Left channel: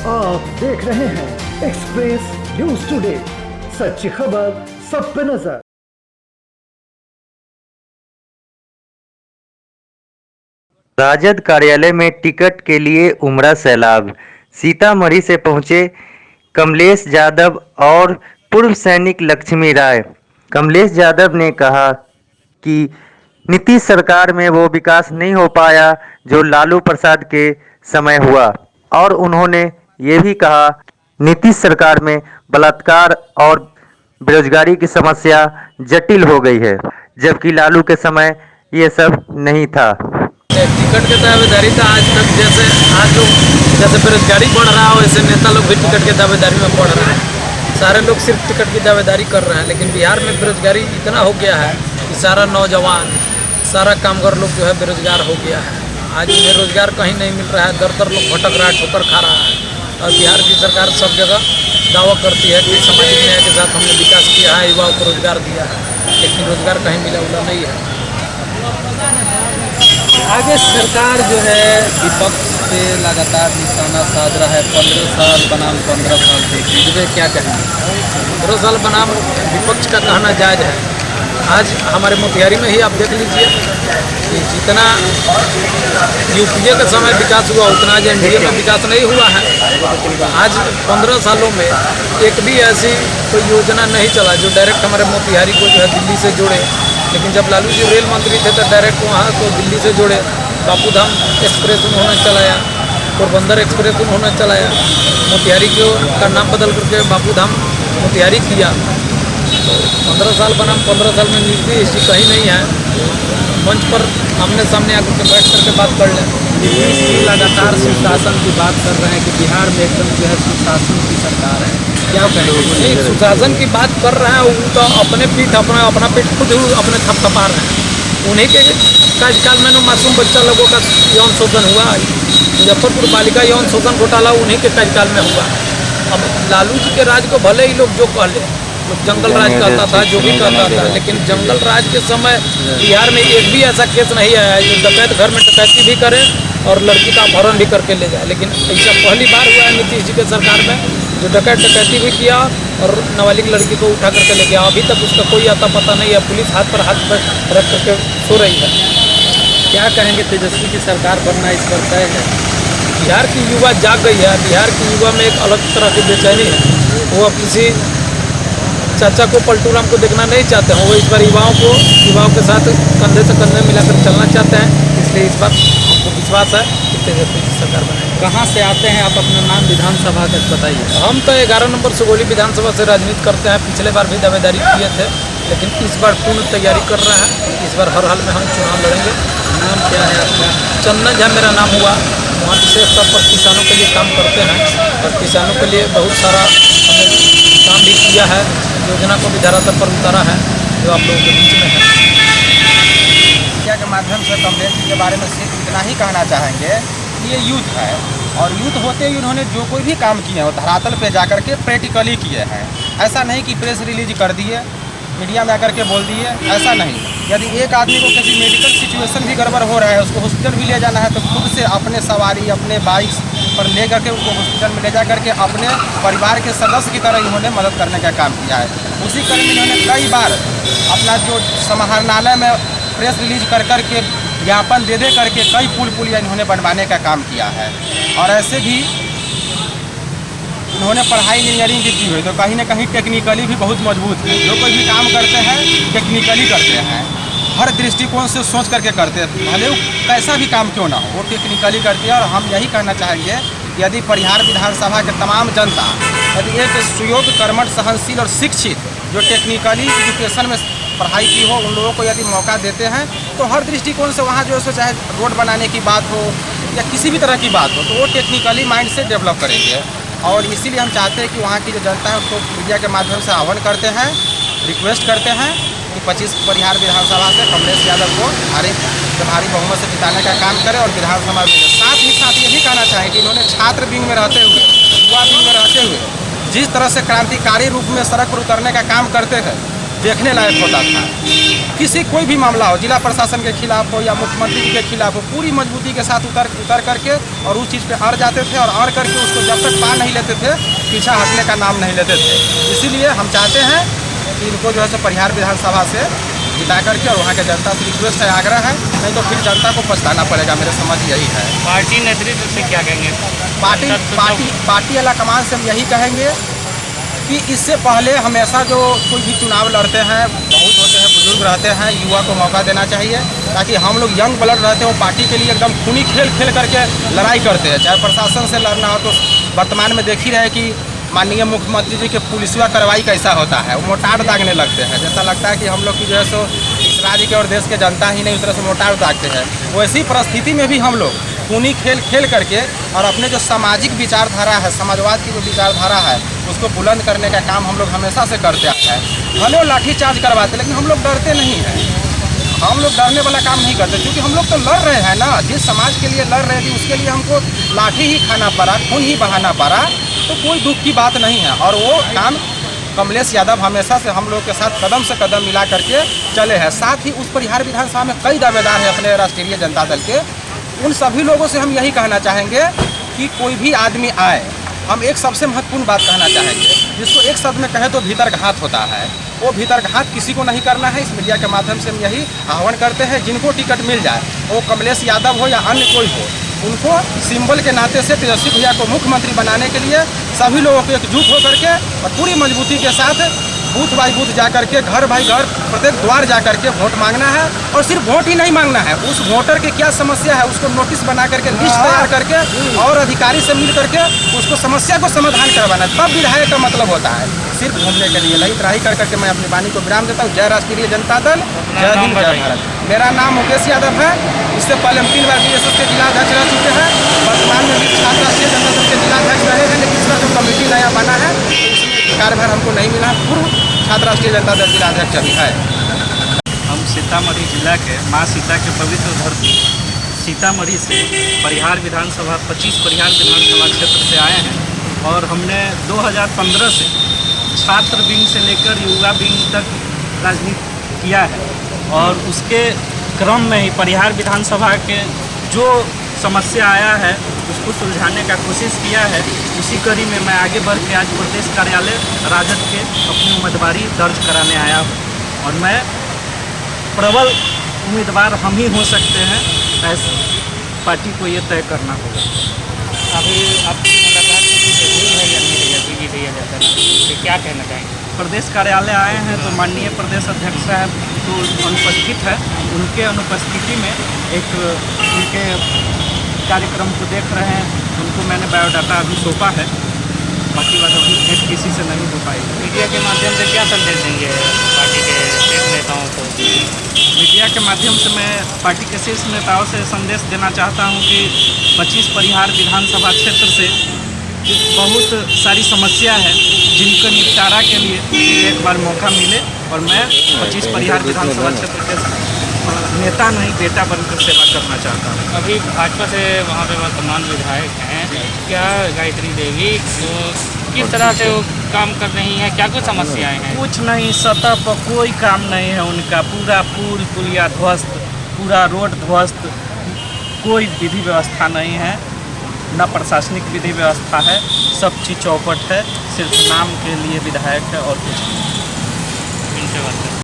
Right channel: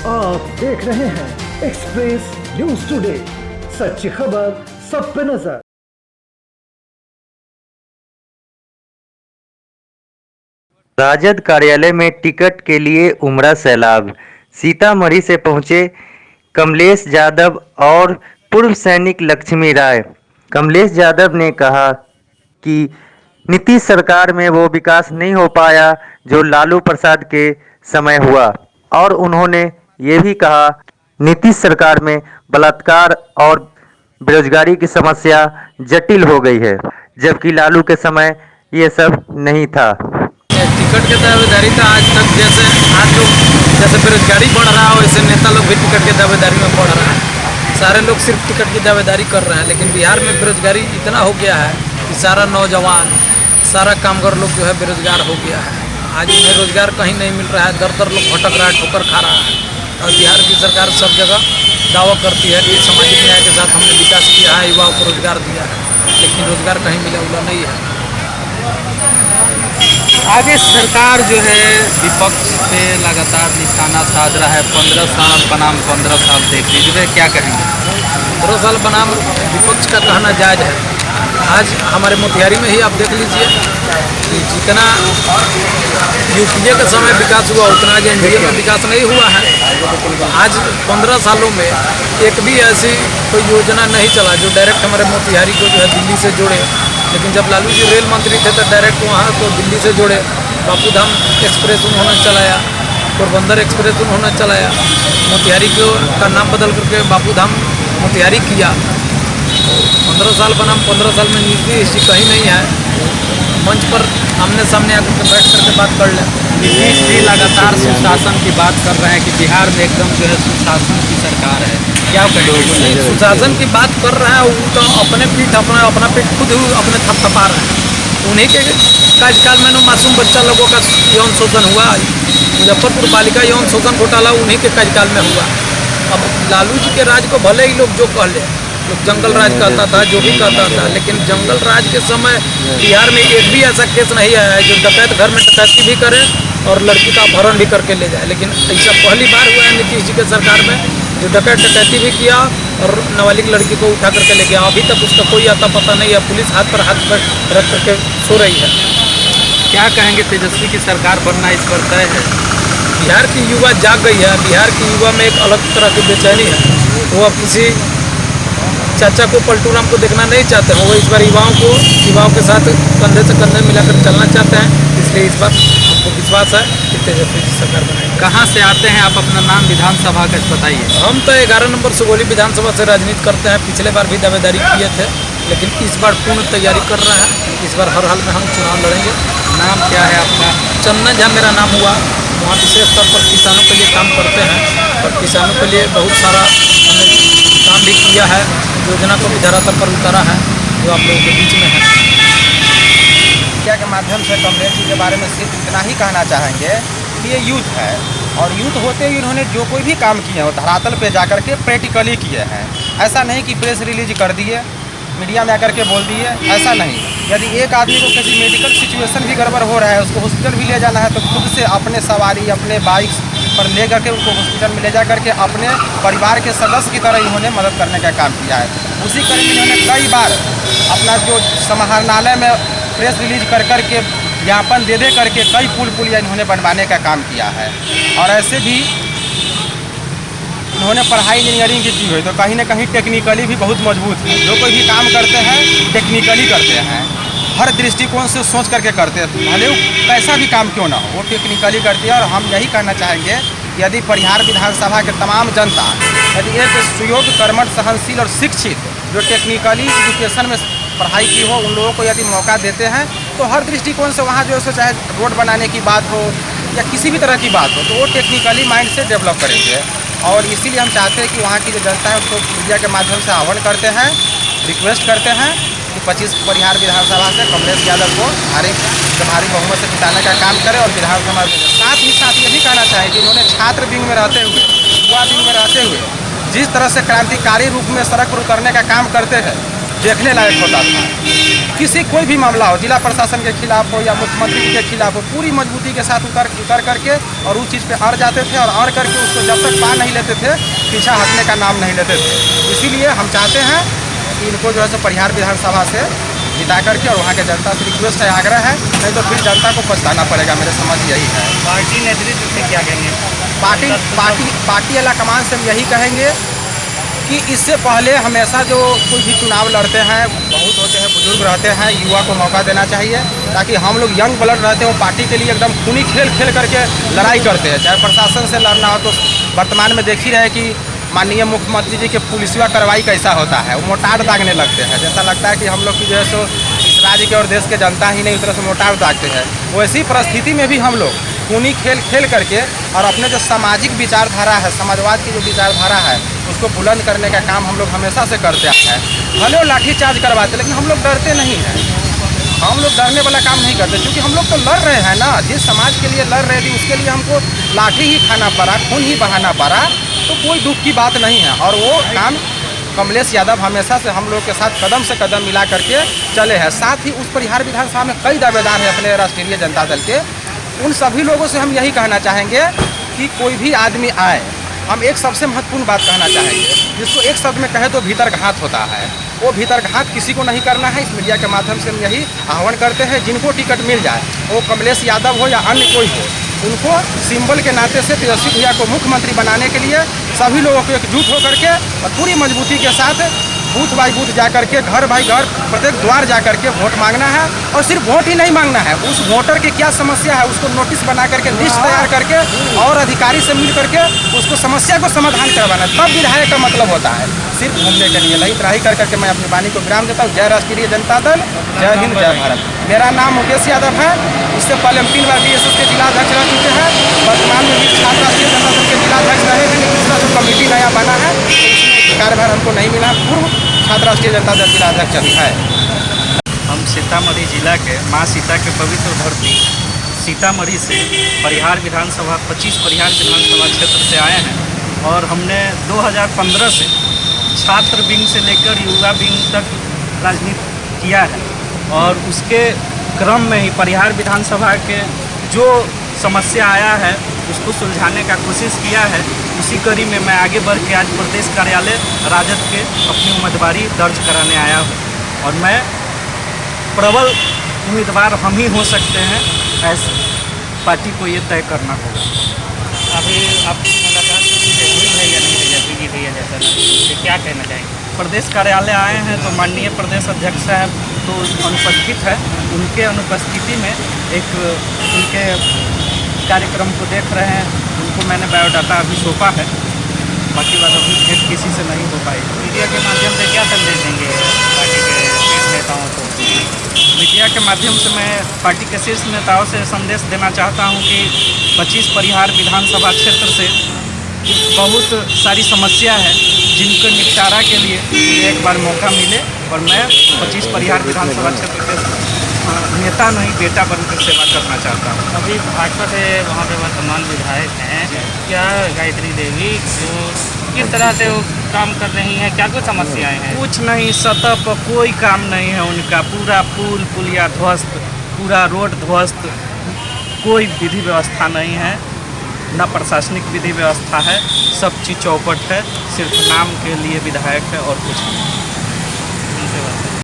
आप देख रहे हैं एक्सप्रेस न्यूज टुडे, सच्ची खबर सब पे नजर। राजद कार्यालय में टिकट के लिए उमड़ा सैलाब। सीतामढ़ी से पहुंचे कमलेश यादव और पूर्व सैनिक लक्ष्मी राय। कमलेश यादव ने कहा कि नीतीश सरकार में वो विकास नहीं हो पाया जो लालू प्रसाद के समय हुआ, और उन्होंने ये भी कहा नीतीश सरकार में बलात्कार और बेरोजगारी की समस्या जटिल हो गई है, जबकि लालू के समय ये सब नहीं था। टिकट के दावेदारी था आज तक, आज लोग जैसे बेरोजगारी बढ़ रहा है वैसे नेता लोग भी टिकट के दावेदारी में बढ़ रहा है। सारे लोग सिर्फ टिकट की दावेदारी कर रहे हैं, लेकिन बिहार में बेरोजगारी इतना हो गया है कि सारा नौजवान, सारा कामगार लोग जो है बेरोजगार हो गया है। आज उन्हें रोजगार कहीं नहीं मिल रहा है, दर दर लोग भटक रहा है, ठोकर खा रहा है। और बिहार की सरकार सब जगह दावा करती है कि सामाजिक न्याय के साथ हमने विकास किया है, युवाओं को रोजगार दिया है, लेकिन रोजगार कहीं मिला उला नहीं है। आगे सरकार जो है विपक्ष पे लगातार निशाना साध रहा है। 15 साल बनाम 15 साल देख लीजिए, क्या कहेंगे? 15 साल बनाम विपक्ष का कहना जायज़ है। आज हमारे मोतिहारी में ही आप देख लीजिए कि जितना यूपीए के समय विकास हुआ उतना आज एनडीए में विकास नहीं हुआ है। आज 15 सालों में एक भी ऐसी कोई योजना नहीं चला जो डायरेक्ट हमारे मोतिहारी को जो है दिल्ली से जोड़े। लेकिन जब लालू जी रेल मंत्री थे तो डायरेक्ट वहाँ को दिल्ली से जोड़े। बापू धाम एक्सप्रेस उन्होंने चलाया, पोरबंदर एक्सप्रेस उन्होंने चलाया, मोतिहारी का नाम बदल करके बापू धाम मोतिहारी किया। तो 15 साल बनाम 15 साल में नीतीश जी कहीं नहीं है। मंच पर आमने सामने आकर के बैठ करके बात कर लें। नीतीश जी लगातार सुशासन की बात कर रहे हैं कि बिहार में एकदम जो है सुशासन की सरकार है, क्या कहेंगे? नहीं, सुशासन की बात कर रहे हैं, वो तो अपना पीठ खुद अपने थपथपा रहे हैं। उन्हीं के कार्यकाल में ना मासूम बच्चा लोगों का यौन शोषण हुआ। मुजफ्फरपुर बालिका यौन शोषण घोटाला उन्हीं के कार्यकाल में हुआ। अब लालू जी के राज को भले ही लोग जो कह ले, लोग जंगल राज कहता था, जो भी कहता था, लेकिन जंगल राज के समय बिहार में एक भी ऐसा केस नहीं आया है जो डकैत घर में डकैती भी करे और लड़की का अपहरण भी करके ले जाए। लेकिन ऐसा पहली बार हुआ है नीतीश जी के सरकार में जो डकैती भी किया और नाबालिग लड़की को उठा करके ले गया। अभी तक उसका कोई आता पता नहीं है। पुलिस हाथ पर रख करके सो रही है। क्या कहेंगे? तेजस्वी की सरकार बनना इस पर तय है। बिहार की युवा जाग गई है। बिहार की युवा में एक अलग तरह की बेचैनी है। वो अब किसी चाचा को, पलटू राम को देखना नहीं चाहते हैं। वो इस बार युवाओं के साथ कंधे से कंधे मिलाकर चलना चाहते हैं। इसलिए इस बार हमको विश्वास है कि तेजस्वी जी सरकार बनाएंगे। कहाँ से आते हैं आप? अपना नाम, विधानसभा का बताइए। हम तो 11 नंबर सुगौली विधानसभा से राजनीति करते हैं। पिछले बार भी दावेदारी किए थे, लेकिन इस बार पूर्ण तैयारी कर रहे हैं। इस बार हर हाल में हम चुनाव लड़ेंगे। नाम क्या है आपका? चंदन झा मेरा नाम हुआ। वहाँ विशेष तौर पर किसानों के लिए काम करते हैं और किसानों के लिए बहुत सारा हमने काम भी किया है। योजना को भी धरातल पर उतारा है जो आप लोगों के बीच में है। मीडिया के माध्यम से कमलेश जी के बारे में सिर्फ इतना ही कहना चाहेंगे कि ये यूथ है, और यूथ होते ही उन्होंने जो कोई भी काम किए हैं वो धरातल पे जाकर के प्रैक्टिकली किए हैं। ऐसा नहीं कि प्रेस रिलीज कर दिए, मीडिया में आकर के बोल दिए, ऐसा नहीं। यदि एक आदमी को किसी मेडिकल सिचुएशन भी गड़बड़ हो रहा है, उसको हॉस्पिटल भी ले जाना है, तो खुद से अपने सवारी, अपने बाइक पर ले करके उनको हॉस्पिटल में ले जा करके अपने परिवार के सदस्य की तरह इन्होंने मदद करने का काम किया है। उसी क्रम में इन्होंने कई बार अपना जो समाहरणालय में प्रेस रिलीज कर करके ज्ञापन दे करके कई पुलिया इन्होंने बनवाने का काम किया है। और ऐसे भी इन्होंने पढ़ाई इंजीनियरिंग की हुई, तो कहीं ना कहीं टेक्निकली भी बहुत मजबूत है। जो कोई भी काम करते हैं टेक्निकली करते हैं, हर दृष्टिकोण से सोच करके करते हैं, भले वो कैसा भी काम क्यों ना हो वो टेक्निकली करती है। और हम यही कहना चाहेंगे कि यदि बिहार विधानसभा के तमाम जनता यदि एक सुयोग्य, कर्मठ, सहनशील और शिक्षित जो टेक्निकली एजुकेशन में पढ़ाई की हो, उन लोगों को यदि मौका देते हैं तो हर दृष्टिकोण से वहाँ जो है चाहे रोड बनाने की बात हो या किसी भी तरह की बात हो, तो वो टेक्निकली माइंड से डेवलप करेंगे। और इसीलिए हम चाहते हैं कि वहाँ की जो जनता है उसको मीडिया के माध्यम से आह्वान करते हैं, रिक्वेस्ट करते हैं कि 25 बिहार विधानसभा से कमलेश यादव को भारी बहुमत से जिताने का काम करें और विधानसभा में। साथ ही ये भी कहना चाहें कि इन्होंने छात्र विंग में रहते हुए, युवा विंग में रहते हुए जिस तरह से क्रांतिकारी रूप में सड़क पर उतरने का काम करते हैं, देखने लायक होता था। किसी कोई भी मामला हो, जिला प्रशासन के खिलाफ हो या मुख्यमंत्री जी के खिलाफ हो, पूरी मजबूती के साथ उतर करके और उस चीज़ पे अड़ जाते थे, और अड़ करके उसको जब तक पा नहीं लेते थे पीछा हटने का नाम नहीं लेते थे। इसीलिए हम चाहते हैं कि इनको जो है सो परिहार विधानसभा से जिता करके, और वहाँ के जनता से रिक्वेस्ट है, आग्रह है, नहीं तो फिर जनता को पछताना पड़ेगा। मेरे समझ यही है। पार्टी नेतृत्व से क्या कहेंगे? पार्टी अला कमान से हम यही कहेंगे कि इससे पहले हमेशा जो कोई भी चुनाव लड़ते हैं, बहुत होते हैं बुजुर्ग रहते हैं, युवा को मौका देना चाहिए, ताकि हम लोग यंग ब्लड रहते हैं, वो पार्टी के लिए एकदम खूनी खेल करके लड़ाई करते हैं। चाहे प्रशासन से लड़ना हो, तो वर्तमान में देख ही रहे कि माननीय मुख्यमंत्री जी के पुलिसवा कार्रवाई कैसा होता है, वो मोटार दागने लगते हैं। जैसा लगता है कि हम लोग की जो है सो इस राज्य के और देश के जनता ही नहीं, उस तरह से मोटार दागते हैं। वैसी परिस्थिति में भी हम लोग खूनी खेल करके और अपने जो सामाजिक विचारधारा है, समाजवाद की जो विचारधारा है, उसको बुलंद करने का काम हम लोग हमेशा से करते आए हैं। भले वो लाठीचार्ज करवाते, लेकिन हम लोग डरते नहीं हैं। हम लोग डरने वाला काम नहीं करते, क्योंकि हम लोग तो लड़ रहे हैं ना। जिस समाज के लिए लड़ रहे थे उसके लिए हमको लाठी ही खाना पड़ा, खून ही बहाना पड़ा, तो कोई दुख की बात नहीं है। और वो काम कमलेश यादव हमेशा से हम लोग के साथ कदम से कदम मिला करके चले हैं। साथ ही उस परिहार विधानसभा में कई दावेदार हैं अपने राष्ट्रीय जनता दल के। उन सभी लोगों से हम यही कहना चाहेंगे कि कोई भी आदमी आए, हम एक सबसे महत्वपूर्ण बात कहना चाहेंगे, जिसको एक शब्द में कहे तो भीतरघात होता है। वो भीतरघात किसी को नहीं करना है। इस मीडिया के माध्यम से हम यही आह्वान करते हैं, जिनको टिकट मिल जाए, वो कमलेश यादव हो या अन्य कोई हो, उनको सिंबल के नाते से तेजस्वी भैया को मुख्यमंत्री बनाने के लिए सभी लोगों को एकजुट होकर के और पूरी मजबूती के साथ बूथ बाई बूथ जा करके, घर बाई घर, प्रत्येक द्वार जा करके वोट मांगना है। और सिर्फ वोट ही नहीं मांगना है, उस वोटर की क्या समस्या है उसको नोटिस बना करके, लिस्ट तैयार करके और अधिकारी से मिल करके उसको समस्या को समाधान करवाना, तब विधायक का मतलब होता है। सिर्फ घूमने के लिए नहीं, इतना ही कर करके मैं अपनी वाणी को विराम देता हूँ। जय राष्ट्रीय जनता दल, जय हिंद, जय भारत। मेरा नाम मुकेश यादव है। इससे पहले हम 3 बार DSS के जिलाध्यक्ष रह चुके हैं। वर्तमान में भी छात्र राष्ट्रीय जनता दल के जिलाध्यक्ष रहे हैं, लेकिन इसका जो कमेटी नया बना है उसमें कार्यभार हमको नहीं मिला। पूर्व छात्र राष्ट्रीय जनता दल जिलाध्यक्ष अभी है। हम सीतामढ़ी जिला के माँ सीता के पवित्र धरती सीतामढ़ी से परिहार विधानसभा 25 परिहार विधानसभा क्षेत्र से आए हैं। और हमने 2015 से छात्र विंग से लेकर युवा विंग तक राजनीति किया है, और उसके क्रम में ही परिहार विधानसभा के जो समस्या आया है उसको सुलझाने का कोशिश किया है। उसी कड़ी में मैं आगे बढ़ के आज प्रदेश कार्यालय राजद के अपनी उम्मीदवारी दर्ज कराने आया हूँ, और मैं प्रबल उम्मीदवार हम ही हो सकते हैं, ऐसे पार्टी को ये तय करना होगा। अभी आप मुलाकात किसी से हुई है या नहीं रही है? बीजी भैया जैसा तो क्या कहना चाहेंगे? प्रदेश कार्यालय आए हैं तो माननीय प्रदेश अध्यक्ष साहब तो अनुपस्थित है। उनके अनुपस्थिति में एक उनके कार्यक्रम को देख रहे हैं। उनको मैंने बायोडाटा अभी सौंपा है, बाकी बात अभी भेंट किसी से नहीं हो पाई। मीडिया के माध्यम से क्या संदेश देंगे पार्टी के नेताओं को? मीडिया के माध्यम से मैं पार्टी के शीर्ष नेताओं से संदेश देना चाहता हूं कि 25 परिहार विधानसभा क्षेत्र से बहुत सारी समस्या है, जिनका निपटारा के लिए मुझे एक बार मौका मिले और मैं 25 परिहार विधानसभा क्षेत्र के नेता नहीं बेटा बनकर सेवा करना चाहता हूँ। अभी भाजपा से वहाँ पे वर्तमान विधायक हैं, क्या गायत्री देवी जो किस तरह से वो काम कर रही हैं, क्या कुछ समस्याएं हैं? कुछ नहीं, सतह पर कोई काम नहीं है उनका। पूरा पुल पुलिया ध्वस्त, पूरा रोड ध्वस्त, कोई विधि व्यवस्था नहीं है, न प्रशासनिक विधि व्यवस्था है, सब चीज़ चौपट है, सिर्फ नाम के लिए विधायक है और कुछ नहीं।